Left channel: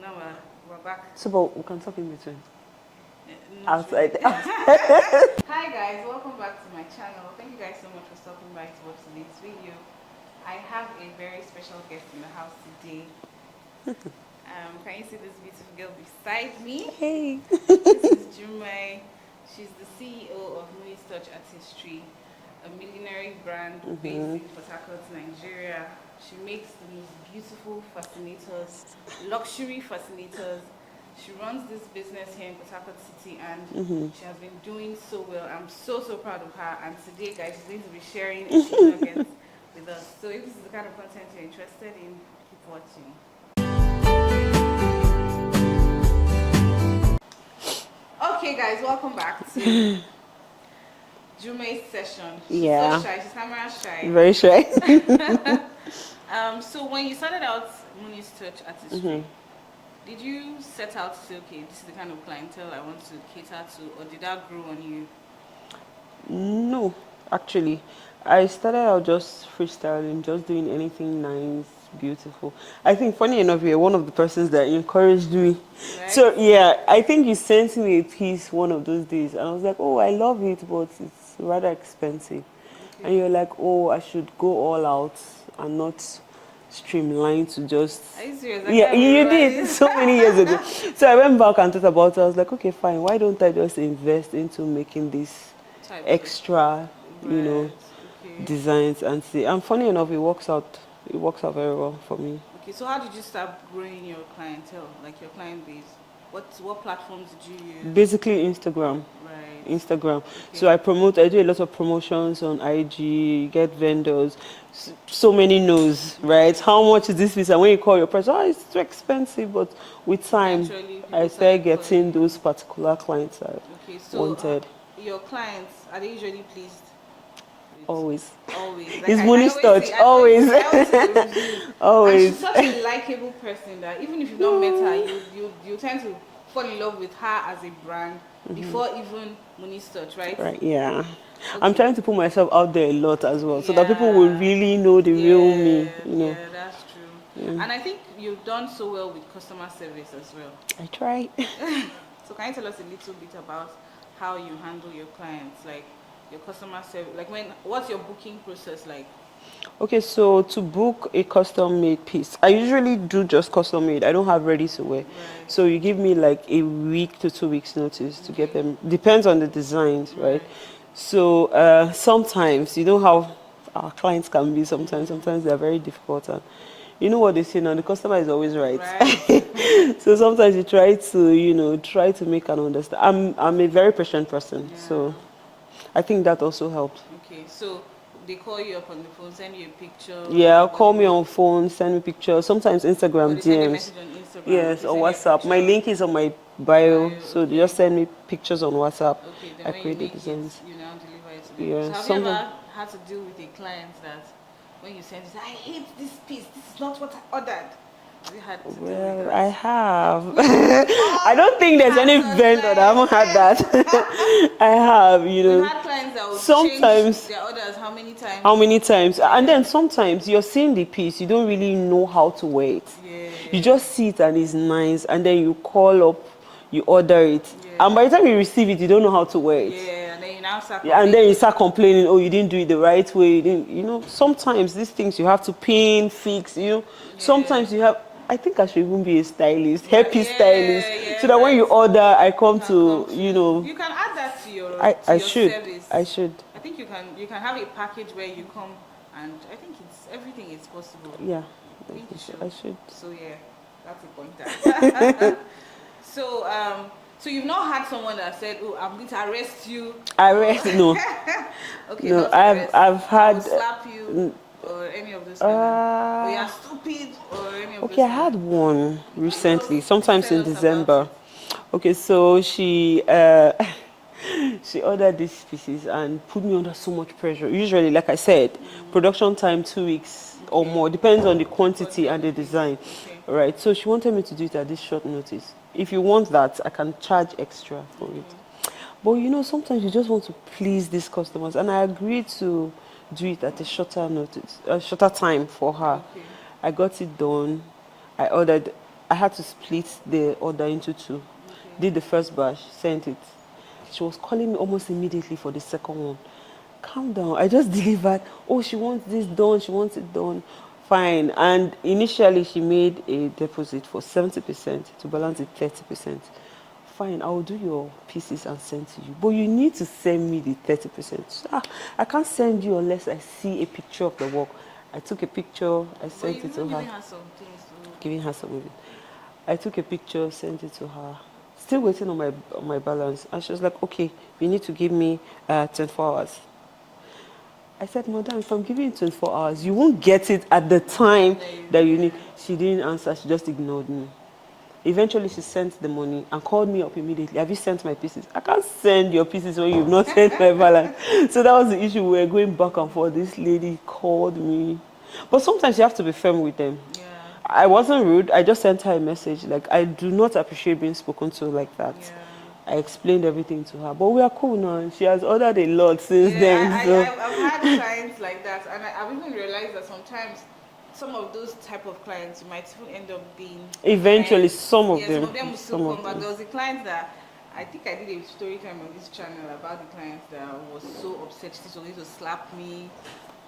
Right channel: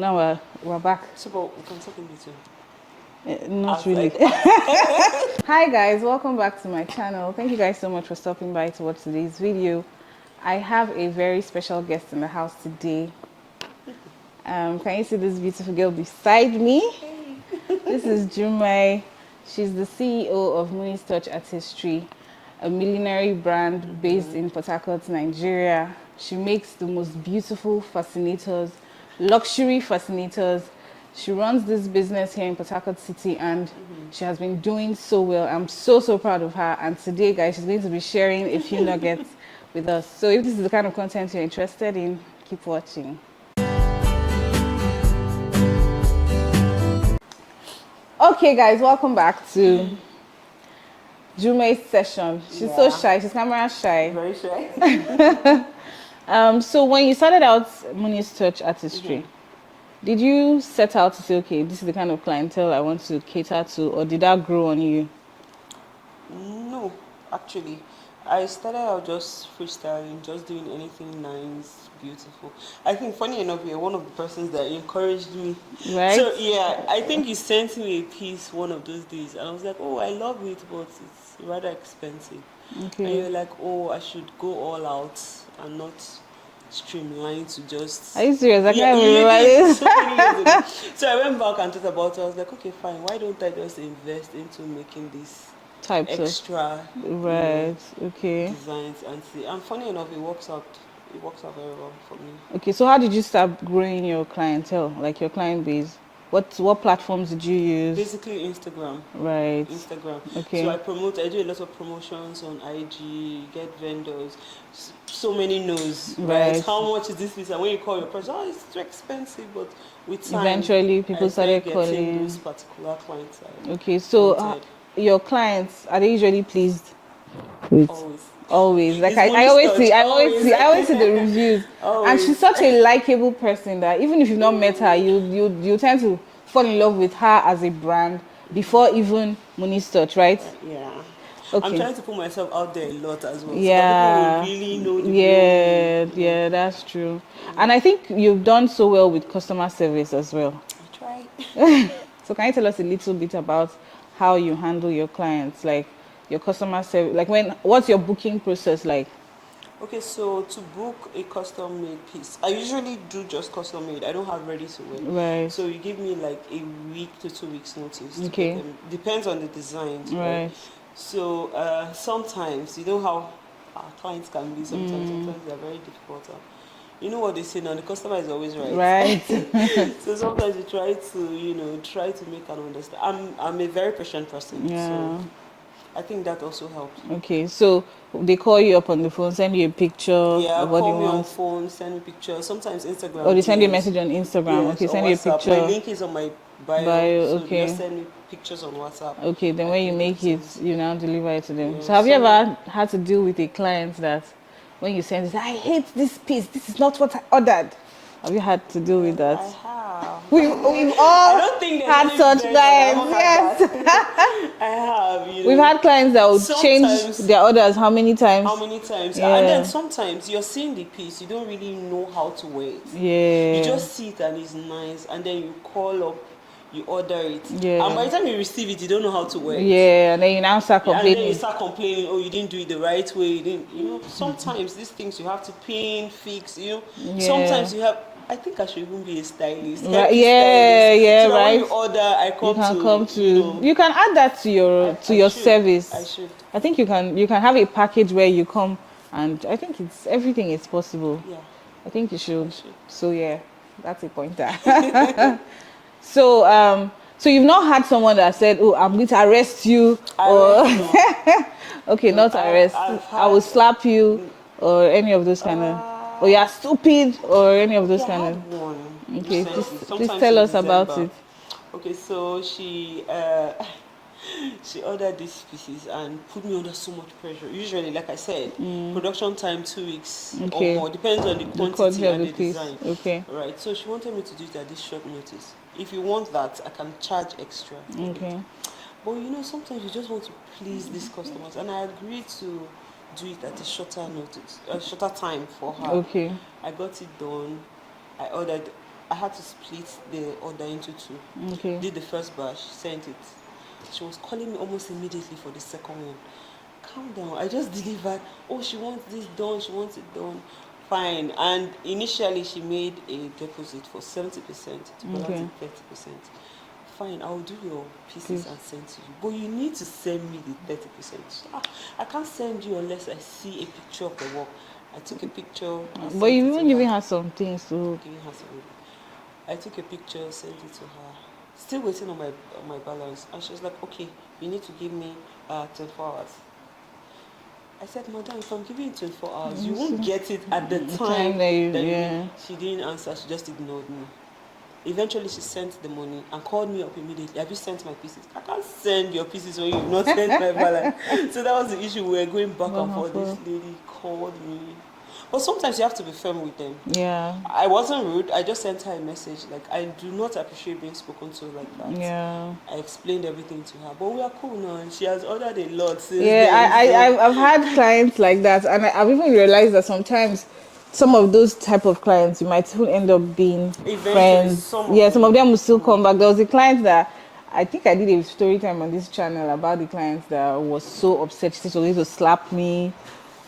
now we're back. So, but we can talk in between. Not really. Hi guys, welcome back to my channel. Thank you guys so much for stopping by to watch today's video. I have a very special guest in the house today. Can you see this beautiful girl beside me? Hey. This is Jumai. She's the CEO of Moon's Touch Artistry, a millinery brand based in Port Harcourt, Nigeria. She makes the most beautiful fascinators, luxury fascinators. She runs this business here in Port Harcourt City, and she has been doing so well. I'm so proud of her. And today, guys, she's going to be sharing a few nuggets with us. So if this is the kind of content you're interested in, keep watching. Okay, guys, welcome back to Jumai's session. She's so shy. She's camera shy. Very shy. So when you started out Moon's Touch Artistry, did you set out to say, okay, this is the kind of clientele I want to cater to, or did that grow on you? No, actually. I started out just freestyling, just doing anything nice, beautiful. I think, funny enough, you're one of the persons that encouraged me. Right? So, yeah, I think you sent me a piece one of those days, and I was like, oh, I love it, but it's rather expensive. Okay. And you're like, oh, I should go all out and not streamline to just... Are you serious? I Yeah, can't you remember did this. so many years ago. So I went back and thought about it. I was like, okay, fine. Why don't I just invest into making this Types extra, right? Okay. designs and see. And funny enough, it works out. It works out very well for me. Okay. So how did you start growing your clientele, like your client base? What platforms did you use? Basically, Instagram. Right. Instagram. Okay. So I do a lot of promotions on IG, get vendors. So many no's, right? How much is this piece? And when you call your person, oh, it's too expensive. But with time, eventually people I started getting calling. those particular clients. Okay, so your clients, are they usually pleased? Always. Like It's I always see the reviews. Always. And she's such a likable person that even if you've not met her, you tend to fall in love with her as a brand before even Moon's Touch, right? Right, yeah. Okay. I'm trying to put myself out there a lot as well, so that people will really know the real me. Yeah, that's true. And I think you've done so well with customer service as well. I try. So can you tell us a little bit about how you handle your clients, like your customer service, like what's your booking process like? Okay, so to book a custom-made piece, I usually do just custom-made. I don't have ready-to-wear. Right. So you give me like a week to 2 weeks notice to get them. Depends on the designs, right? So sometimes, you know how our clients can be sometimes. Sometimes they're very difficult. And you know what they say now, the customer is always right. Right. So sometimes you try to make an understand. I'm a very patient person, so I think that also helps. Okay, so they call you up on the phone, send you a picture. Yeah, call me on phone, send me pictures. Sometimes Instagram. Or they send you a DMs. message on Instagram. Yes, okay, on send you a WhatsApp. picture. My link is on my bio, so they just send me pictures on WhatsApp. Okay, then when you make it, you now deliver it to them. Yeah, so have you ever had to deal with a client that when you send it, I hate this piece, this is not what I ordered? Have you had to deal with that? I have. I don't think there's any vendor that I haven't had that. I have, We've had clients that would change their orders how many times? Yeah. And then sometimes you're seeing the piece, you don't really know how to wear it. Yeah. You just see it and it's nice, and then you call up, you order it. Yeah. And by the time you receive it, you don't know how to wear it. Yeah, and then you now start complaining. And then you start complaining, oh, you didn't do it the right way. Sometimes these things you have to pin, fix, Sometimes you have... I think I should even be a stylist, stylist. So that when you order, I come to. You can add that to your service. I should. I think you can have a package where you come, and I think everything is possible. Yeah. I think you should. I should. So yeah, that's a pointer. So you've not had someone that said, "Oh, I'm going to arrest you." No. Okay, no, not arrest. I will slap you, or any of those kind of. Or you're stupid, or any of those kind of... I had one recently, sometimes tell in us December. About it. Okay, so she ordered these pieces and put me under so much pressure. Usually, like I said, production time 2 weeks or more, depends on the quantity and the design. Okay. Right, so she wanted me to do it at this short notice. If you want that, I can charge extra. Okay. But sometimes you just want to please these customers, and I agreed to do it at a shorter time for her. Okay. I got it done. I ordered I had to split the order into two. Okay. Did the first batch, sent it. She was calling me almost immediately for the second one. Calm down. I just delivered. Oh, she wants this done. She wants it done. Fine. And initially, she made a deposit for 70% to balance the 30%. Fine, I'll do your pieces and send to you. But you need to send me the 30%. I can't send you unless I see a picture of the work. I took a picture. But you even giving her some things to... Giving her some of it. I took a picture, sent it to her. Still waiting on my balance. And she was like, okay, you need to give me 24 hours. I said, madam, if I'm giving you 24 hours, you won't get it at the time that you need. She didn't answer. She just ignored me. Eventually, she sent the money and called me up immediately. Have you sent my pieces? I can't send your pieces when you've not sent my balance. So that was the issue. We were going back and forth. This lady called me. But sometimes you have to be firm with them. Yeah. I wasn't rude. I just sent her a message. Like, I do not appreciate being spoken to like that. Yeah. I explained everything to her. But we are cool now. And she has ordered a lot since then. Yeah, I've had clients like that. And I've even realized that sometimes some of those type of clients, you might even end up being eventually friends. some of them will still come back. There was a client that I think I did a story time on this channel about the client that was so upset. She said she was going to slap me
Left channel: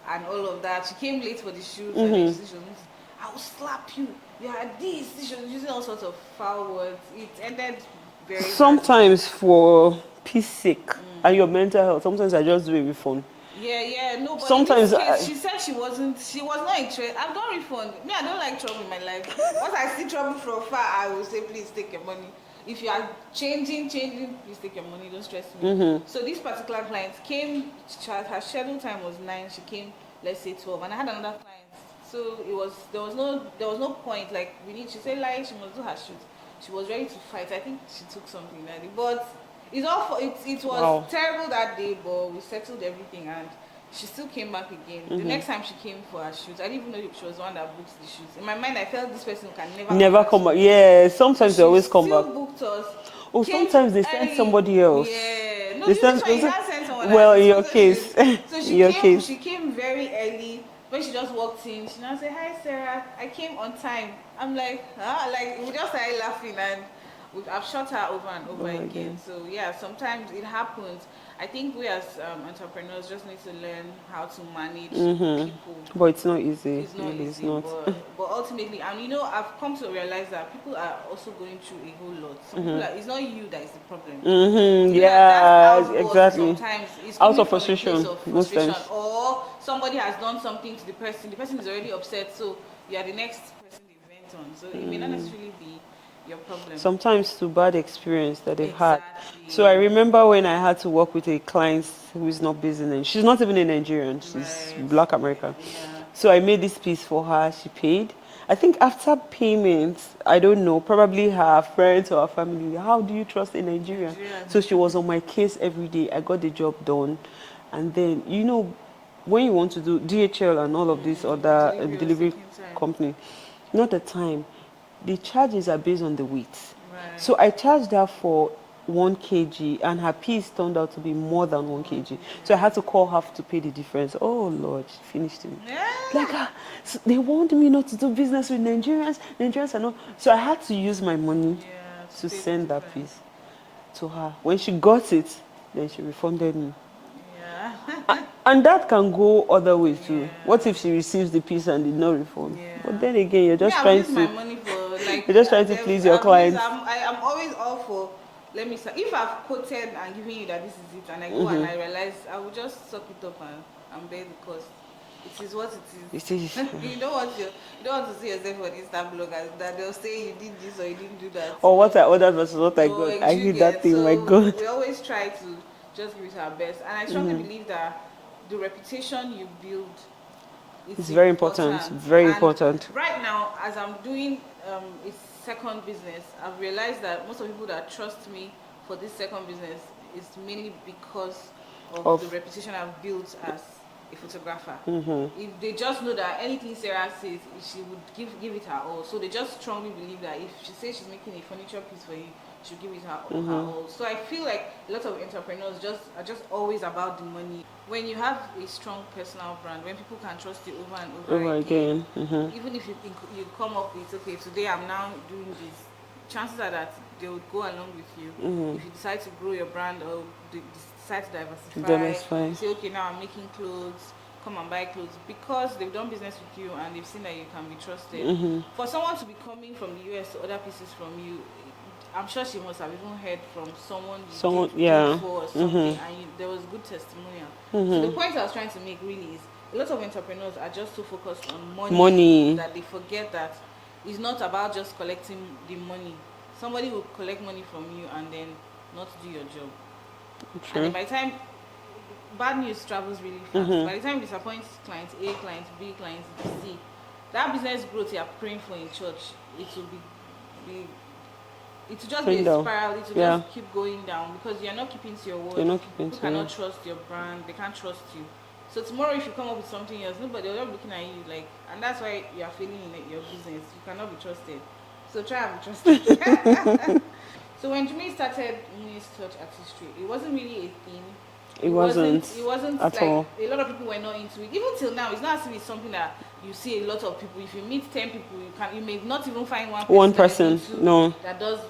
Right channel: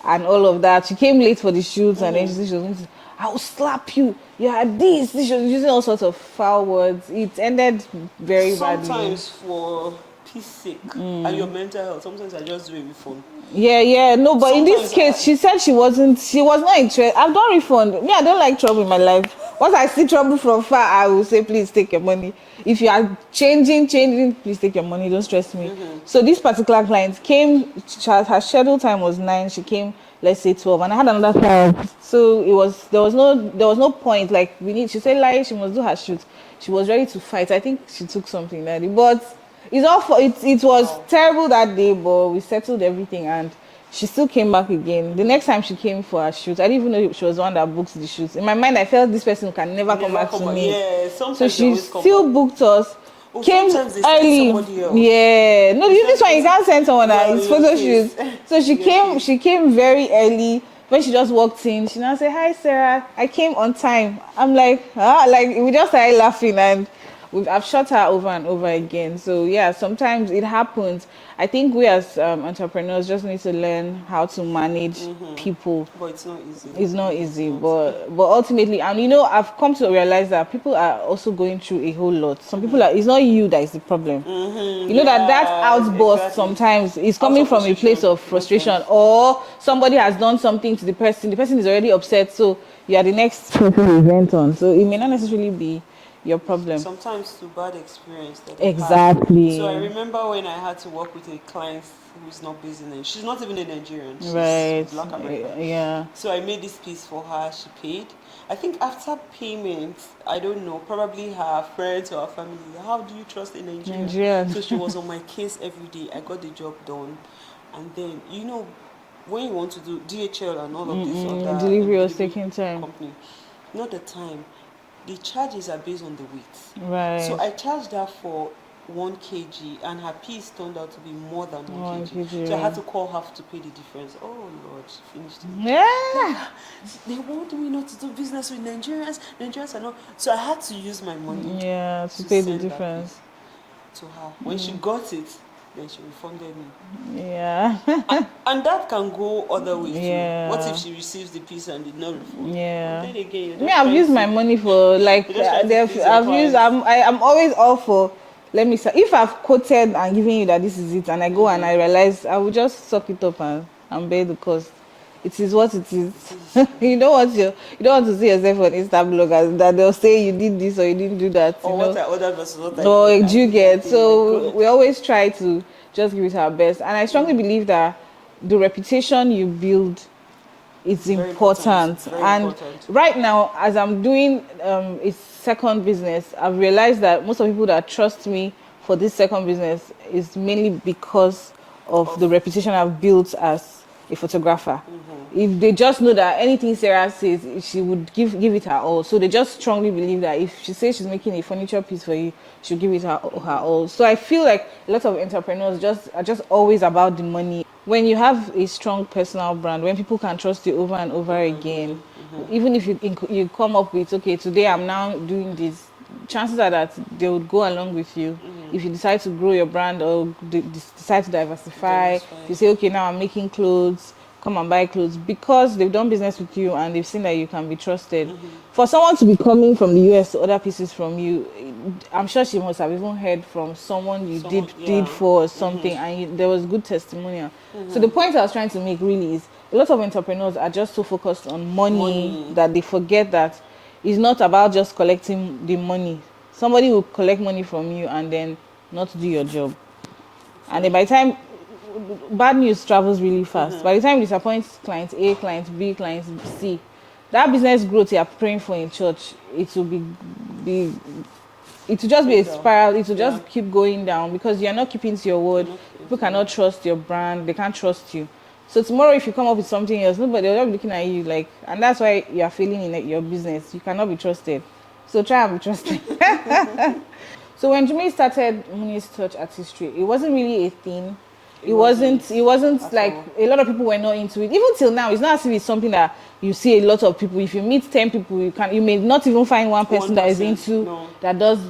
and all of that. She came late for the shoot and then she said she was going to, I will slap you. You had this. She was using all sorts of foul words. It ended very sometimes badly. For peace sake and your mental health, sometimes I just do a refund. Yeah, no, but sometimes in this case, she said she was not interested. I've done refund. Me, I don't like trouble in my life. Once I see trouble from far, I will say, please take your money. If you are changing, please take your money. Don't stress me. So this particular client came, her schedule time was 9. She came, let's say 12, and I had another client. So there was no point. Like she said, like she must do her shoot. She was ready to fight. I think she took something that day, but. It was terrible that day, but we settled everything and she still came back again. The next time she came for her shoot, I didn't even know she was the one that books the shoots. In my mind, I felt this person can never come back. Yeah, sometimes so they always come back. She still booked us. Came sometimes they send somebody else. Yeah, no, this one you can't send someone else. It's photo shoot. So she came very early. When she just walked in, she now said, "Hi, Sarah. I came on time." I'm like, we just started laughing and. I've shot her over and over again. So yeah, sometimes it happens. I think we as entrepreneurs just need to learn how to manage people. But it's not easy. It's not easy. But ultimately, and I've come to realize that people are also going through a whole lot. Some people it's not you that is the problem. That outburst sometimes is coming from a place of frustration, or somebody has done something to the person. The person is already upset, so you are the next person they vent on. So it may not necessarily be your problem. Sometimes to bad experience that they exactly. had. So I remember when I had to work with a client who is not based in Nigeria. She's not even a Nigerian. She's Black American. Yeah. So I made this piece for her. She paid. I think after payment, I don't know, probably her friends or her family. How do you trust a Nigerian? So she was on my case every day. I got the job done. And then, when you want to do DHL and all of this other delivery company, not the time. The charges are based on the weight. Right. So I charged her for 1 kg and her piece turned out to be more than 1 kg. So I had to call her to pay the difference. Oh Lord, she finished it. Yeah. So they warned me not to do business with Nigerians. Nigerians are not. So I had to use my money to pay the difference to her. When she got it, then she refunded me. Yeah. And that can go other ways too. What if she receives the piece and did not refund? Yeah. But then again, you're just I've used my money for like you're just trying to please your clients. I'm always all for, let me say, if I've quoted and given you that this is it and I go and I realize, I will just suck it up and bear the cost. It is what it is. You don't want to see yourself on Insta bloggers that they'll say you did this or you didn't do that. Or what I ordered versus what I got. So you get. So we always try to just give it our best. And I strongly believe that the reputation you build is very important. It's very important. Right now, as I'm doing a second business, I've realized that most of the people that trust me for this second business is mainly because of the reputation I've built as a photographer. If they just know that anything Sarah says, she would give it her all. So they just strongly believe that if she says she's making a furniture piece for you, she'll give it her all. So I feel like a lot of entrepreneurs are just always about the money. when you have a strong personal brand, when people can trust you over and over again, even if you come up with, okay, today I'm now doing this, chances are that they would go along with you. If you decide to grow your brand or decide to diversify, you say, okay, now I'm making clothes, come and buy clothes, because they've done business with you and they've seen that you can be trusted. For someone to be coming from the US to order pieces from you, I'm sure she must have even heard from someone you did for something, and there was good testimonial. So the point I was trying to make really is, a lot of entrepreneurs are just so focused on money that they forget that it's not about just collecting the money. Somebody will collect money from you and then not do your job. Sure. And then by the time, bad news travels really fast. By the time you disappoint client A, client B, client C, that business growth you're praying for in church, it will be it will just be a spiral. It will just keep going down, because you're not keeping to your word. People cannot trust your brand. They can't trust you. So tomorrow, if you come up with something else, nobody will be looking at you like, and that's why you are failing in your business. You cannot be trusted. So try and be trusted. So when Jumai started Muni's Touch Artistry, it wasn't really a thing. It wasn't like all. A lot of people were not into it. Even till now, it's not as if it's something that you see a lot of people. If you meet 10 people, you may not even find one person that is into that does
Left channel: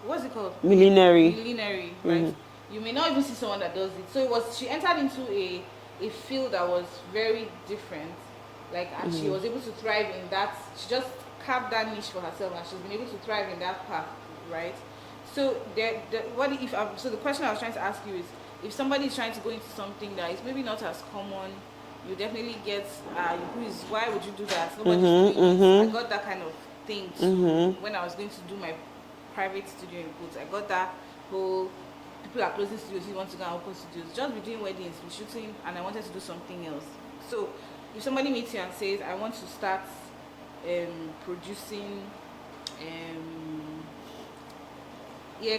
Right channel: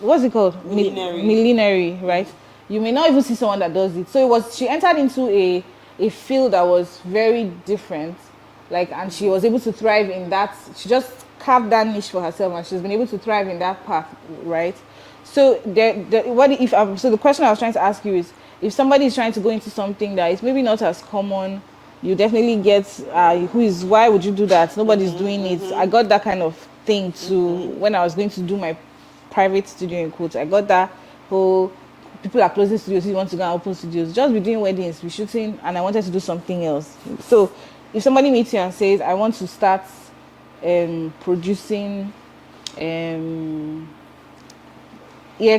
what's it called? Millinery, right? You may not even see someone that does it. So she entered into a field that was very different, and she was able to thrive in that. She just carved that niche for herself, and she's been able to thrive in that path, right? So so the question I was trying to ask you is, if somebody is trying to go into something that is maybe not as common, you definitely get why would you do that? Nobody's doing it. I got that kind of thing too when I was going to do my private studio in quotes. I got that whole, people are closing studios, you want to go and open studios. Just be doing weddings, be shooting, and I wanted to do something else. So if somebody meets you and says, I want to start producing ear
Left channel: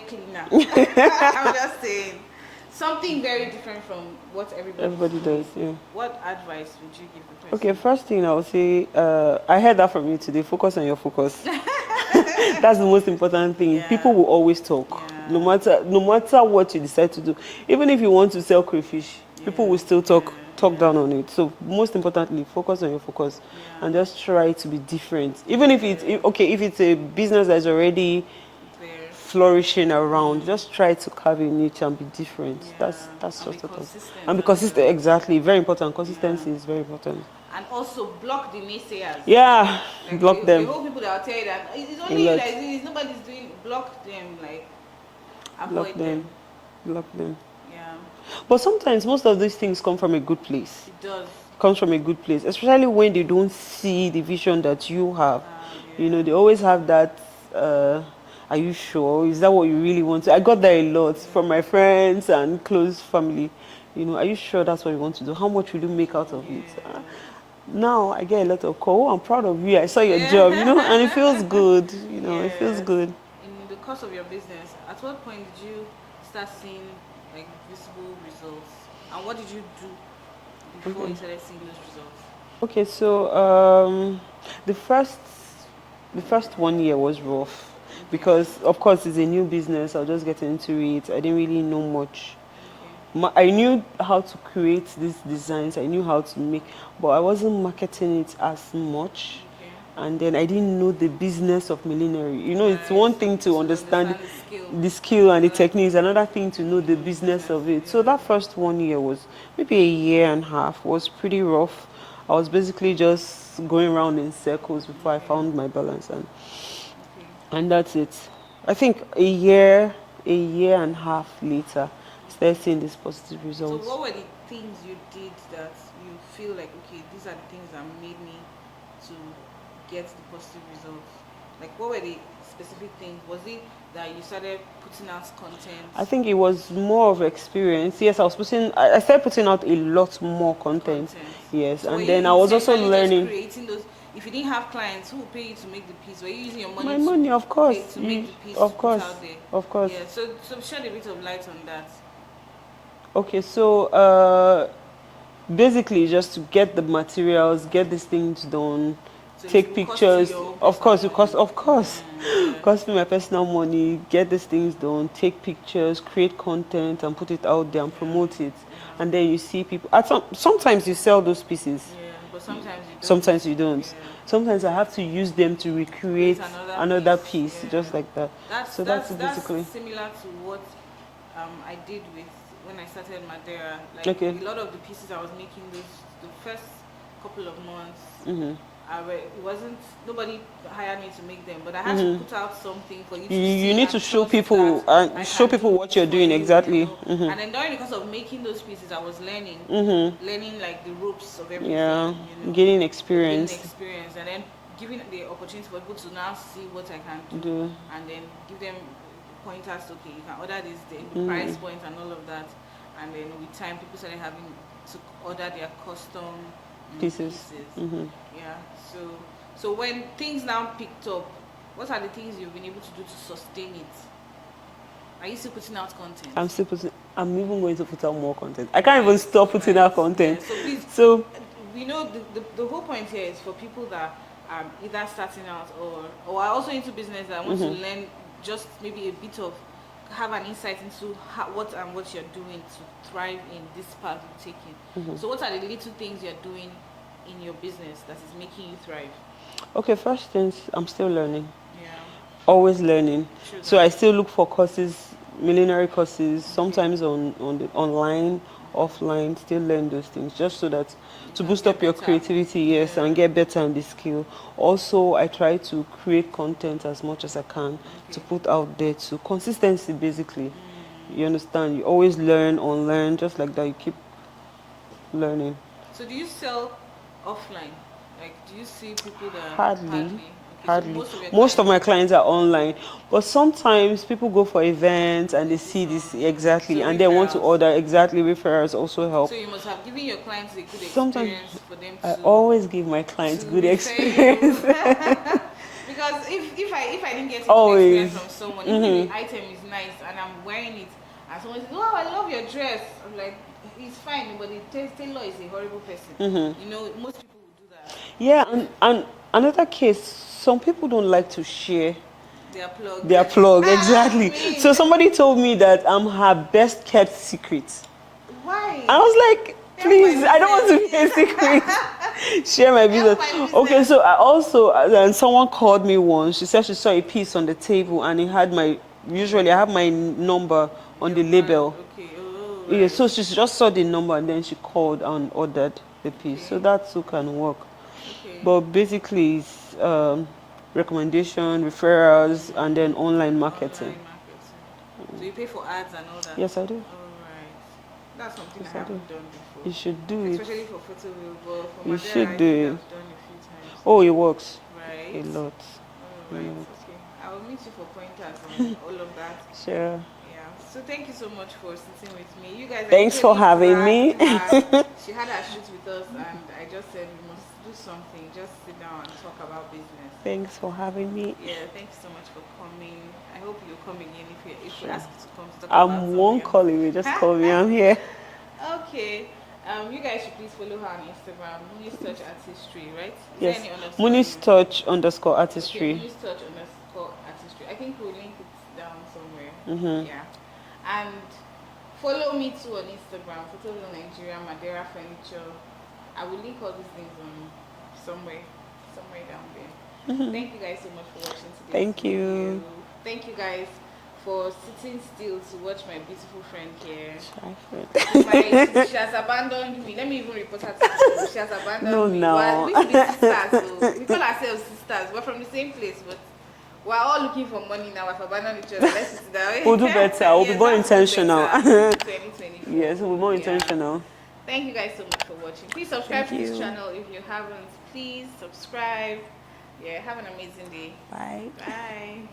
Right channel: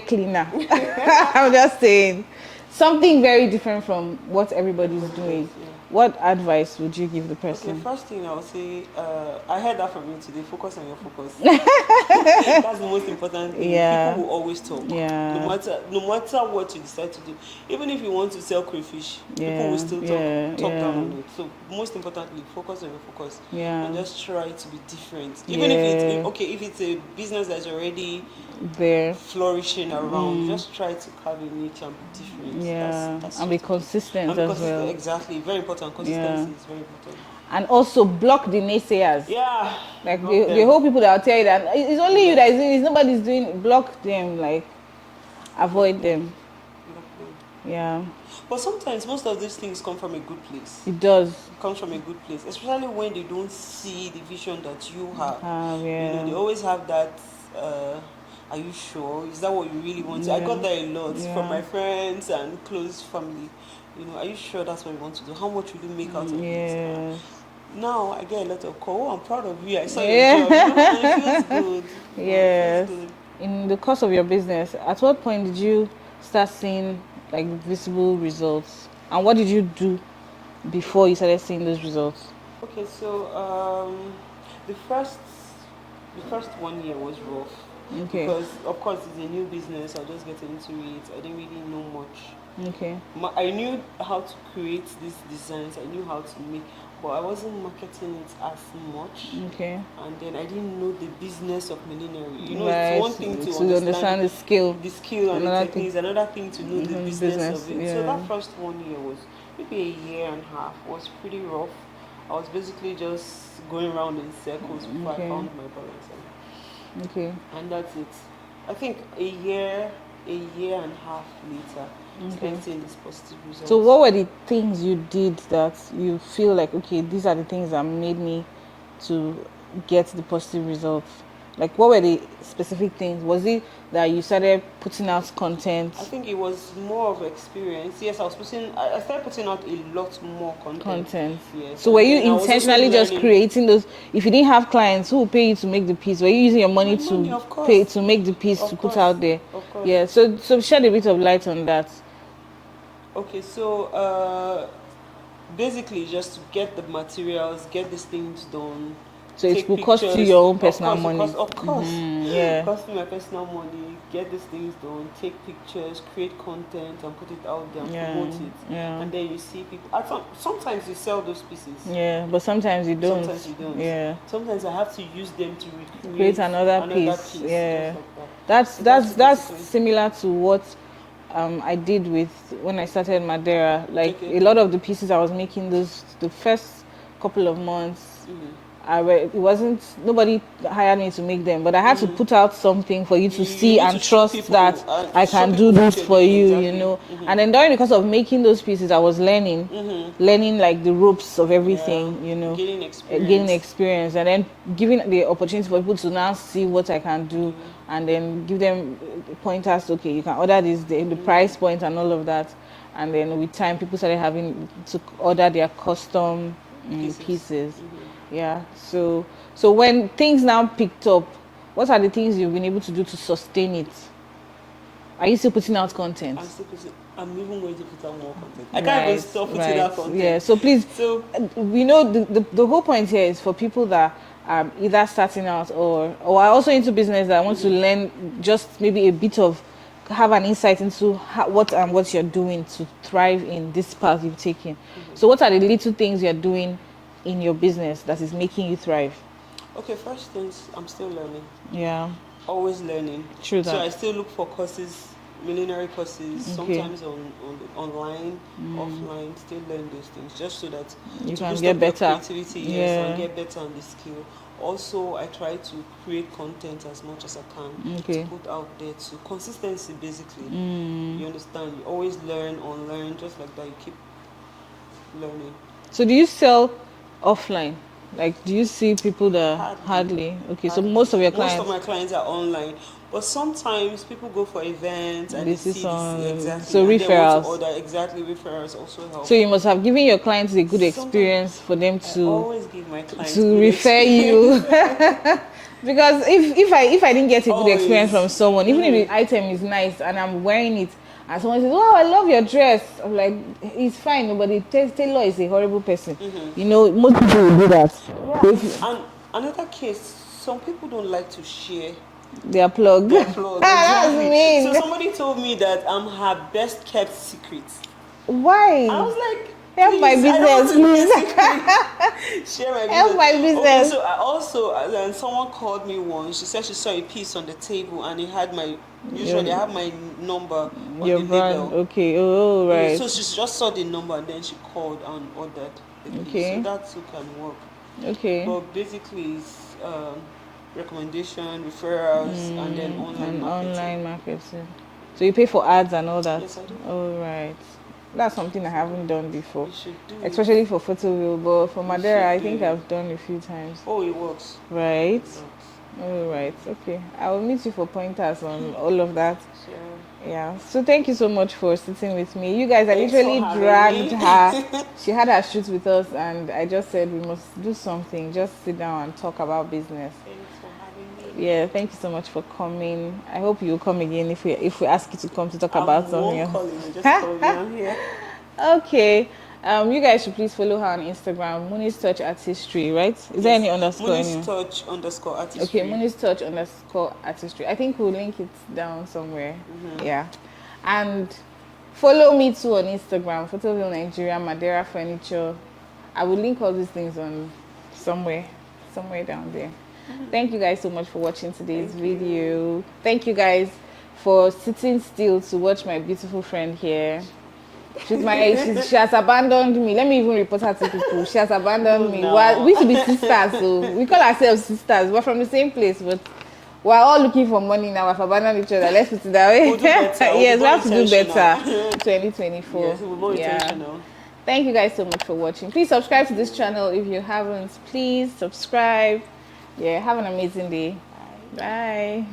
cleaner, I'm just saying, something very different from what everybody does. Yeah. What advice would you give the person? Okay, first thing I would say, I heard that from you today. Focus on your focus. That's the most important thing. Yeah. People will always talk. Yeah. No matter what you decide to do. Even if you want to sell crayfish, people will still talk down on it. So most importantly, focus on your focus. Yeah. And just try to be different. Even if it's a business that's already there flourishing around, just try to carve a niche and be different. That's and be consistent. And be consistent, exactly. Very important. Consistency is very important. And also block the naysayers. Yeah, block them. The whole people that will tell you that it's only you that is doing it, nobody's doing. Block them, avoid them. Block them. Yeah. But sometimes most of these things come from a good place. It does. Comes from a good place, especially when they don't see the vision that you have. They always have that. Are you sure? Is that what you really want to? I got that a lot from my friends and close family. Are you sure that's what you want to do? How much will you make out of it? Now I get a lot of call. I'm proud of you. I saw your job, and it feels good. It feels good. In the course of your business, at what point did you start seeing visible results? And what did you do before you started seeing those results? Okay, so the first 1 year was rough. Okay. Because of course it's a new business. I was just getting into it. I didn't really know much. Okay. I knew how to create these designs. I knew how to make, but I wasn't marketing it as much. Okay. And then I didn't know the business of millinery. It's one thing to understand the skill and the techniques. Another thing to know the business of it. Yeah. So that first 1 year was maybe a year and a half. Was pretty rough. I was basically just going around in circles before I found my balance. And that's it. I think a year and a half later, started seeing this positive results. So what were the things you did that you feel like, okay, these are the things that made me to get the positive results? What were the specific things? Was it that you started putting out content? I think it was more of experience. Yes, I started putting out a lot more content. Yes. So were you intentionally just creating those? If you didn't have clients, who would pay you to make the piece? Were you using your money to make the piece to put out there? Of course. Yeah. So shed a bit of light on that. Okay, so basically just to get the materials, get these things done, So take it will pictures. cost you your own personal Of money. course, of course. Yeah. Cost me my personal money, get these things done, take pictures, create content, and put it out there and promote it. Yeah. And then you see people. Sometimes you sell those pieces. Yeah, but sometimes you don't. Sometimes you don't. Yeah. Sometimes I have to use them to recreate Create another piece. Yeah. just like that. That's similar to what I did with when I started Madeira. Like a lot of the pieces I was making the first couple of months. It wasn't, nobody hired me to make them, but I had to put out something for you to see and trust that I can do this for you, exactly. you know. And then during the course of making those pieces, I was learning like the ropes of everything, you know. Gaining experience. And then giving the opportunity for people to now see what I can do, and then give them pointers. Okay, you can order this, the price point and all of that. And then with time, people started having to order their custom pieces. Yeah. So when things now picked up, what are the things you've been able to do to sustain it? Are you still putting out content? I'm even going to put out more content. I can't even stop putting out content. Yeah. So please, we know the whole point here is for people that are either starting out or are also into business that want to learn just maybe a bit of, have an insight into what you're doing to thrive in this path you've taken. So what are the little things you're doing in your business that is making you thrive? Okay, first things, I'm still learning. Yeah. Always learning. True that. So I still look for courses, millinery courses, sometimes on the online, offline, still learn those things just so that to boost up your creativity, and get better in the skill. Also, I try to create content as much as I can to put out there. So consistency, basically. You understand? You always learn, unlearn, just like that. You keep learning. So do you sell offline? Like, do you see people that hardly? Okay, so most of my clients are online, but sometimes people go for events and they see this exactly, so and referrals. They want to order referrals also help. So you must have given your clients a good experience for them to. I always give my clients to good refer you. Because if I didn't get a good experience from someone, even if the item is nice and I'm wearing it, and someone says, "Oh, I love your dress," I'm like, "It's fine, but the tailor is a horrible person." You know, most people will do that. Yeah, and another case, some people don't like to share their plug. Exactly. So somebody told me that I'm her best kept secret. Why? I was like, please, I don't want to be a secret. Share my business. My business. Okay, so I also, and someone called me once. She said she saw a piece on the table and it had my. Usually, I have my number on the label. Okay. Oh, right. Yeah, so she just saw the number and then she called and ordered the piece. So that too can work. Okay. But basically, it's recommendation, referrals, and then online marketing. So you pay for ads and all that? Yes, I do. Oh, right. That's something I haven't done before. You should do it. Especially for Photoville, but for Madeira, I think I've done a few times. Oh, it works. Right? A lot. Oh, right. Okay. I will meet you for pointers on all of that. Sure. Yeah. So thank you so much for sitting with me. You guys, Thanks for having me. Her. She had her shoot with us, and I just said we must do something. Just sit down and talk about business. Thanks for having me. Yeah. Thank you so much for coming. I hope you'll come again if we ask you to come to talk about something. I won't call you. Just call me. I'm here. Okay. You guys should please follow her on Instagram, Muni's Touch Artistry, right? Is there any underscore? Muni's Touch _artistry. Okay, Muni's Touch _artistry. I think we'll link it down somewhere. Yeah. And follow me too on Instagram, Photoville Nigeria, Madeira Furniture. I will link all these things on somewhere down there. Thank you guys so much for watching today's video. Thank you guys for sitting still to watch my beautiful friend here. She has abandoned me. Let me even report her to people. She has abandoned me. We should be sisters, so we call ourselves sisters. We're from the same place, but we're all looking for money now. We've abandoned each other. Let's put it that way. We'll do better. Yes, we'll go intentional. 2024. Yes, we'll go intentional. Thank you guys so much for watching. Please subscribe to this channel if you haven't. Please subscribe. Yeah, have an amazing day. Bye. Bye.